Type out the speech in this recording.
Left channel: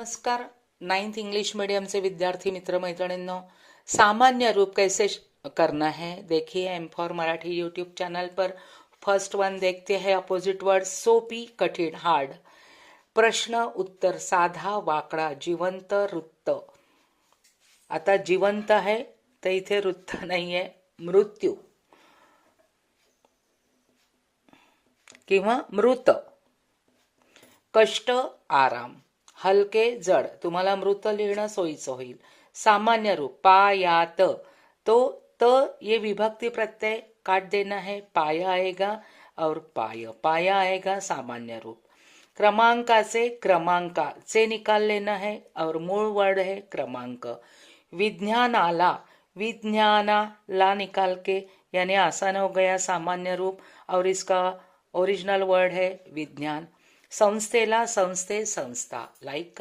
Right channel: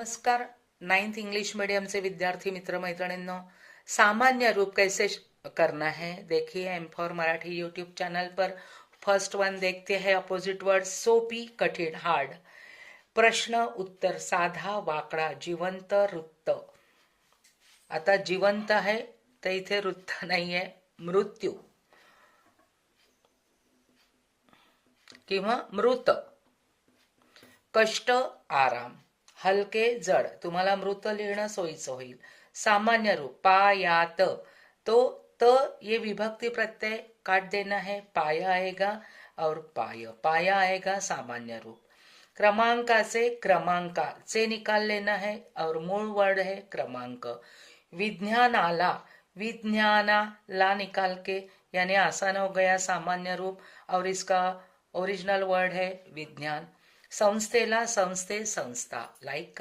नमस्कार। 9th English medium से विद्यार्थी मित्र मैत्रिणींनो, सामान्य रूप कैसे करना है देखिए। M for Marathi YouTube channel पर फर्स्ट वन देखते हैं अपोजिट वर्ड सोपी कठीण हार्ड। प्रश्न उत्तर साधा वाकडा जिवंत वृत्त। आता जिवंत आहे तर इथे वृत्त नाहीये, मृत्यू किंवा मृत। कष्ट आराम, हलके जड, तुम्हाला मृत लिहिणं सोयीचं होईल। सामान्य रूप पायात, तो त ये विभक्ति प्रत्यय काट देना है, पाया आएगा और पाया आएगा सामान्य रूप। क्रमांका से क्रमांका से निकाल लेना है और मूल वर्ड है क्रमांक। विज्ञानाला विज्ञाना ला निकाल के यानी आसान हो गया सामान्य रूप और इसका ओरिजिनल वर्ड है विज्ञान। संस्थेला संस्थे संस्था, लाइक करा।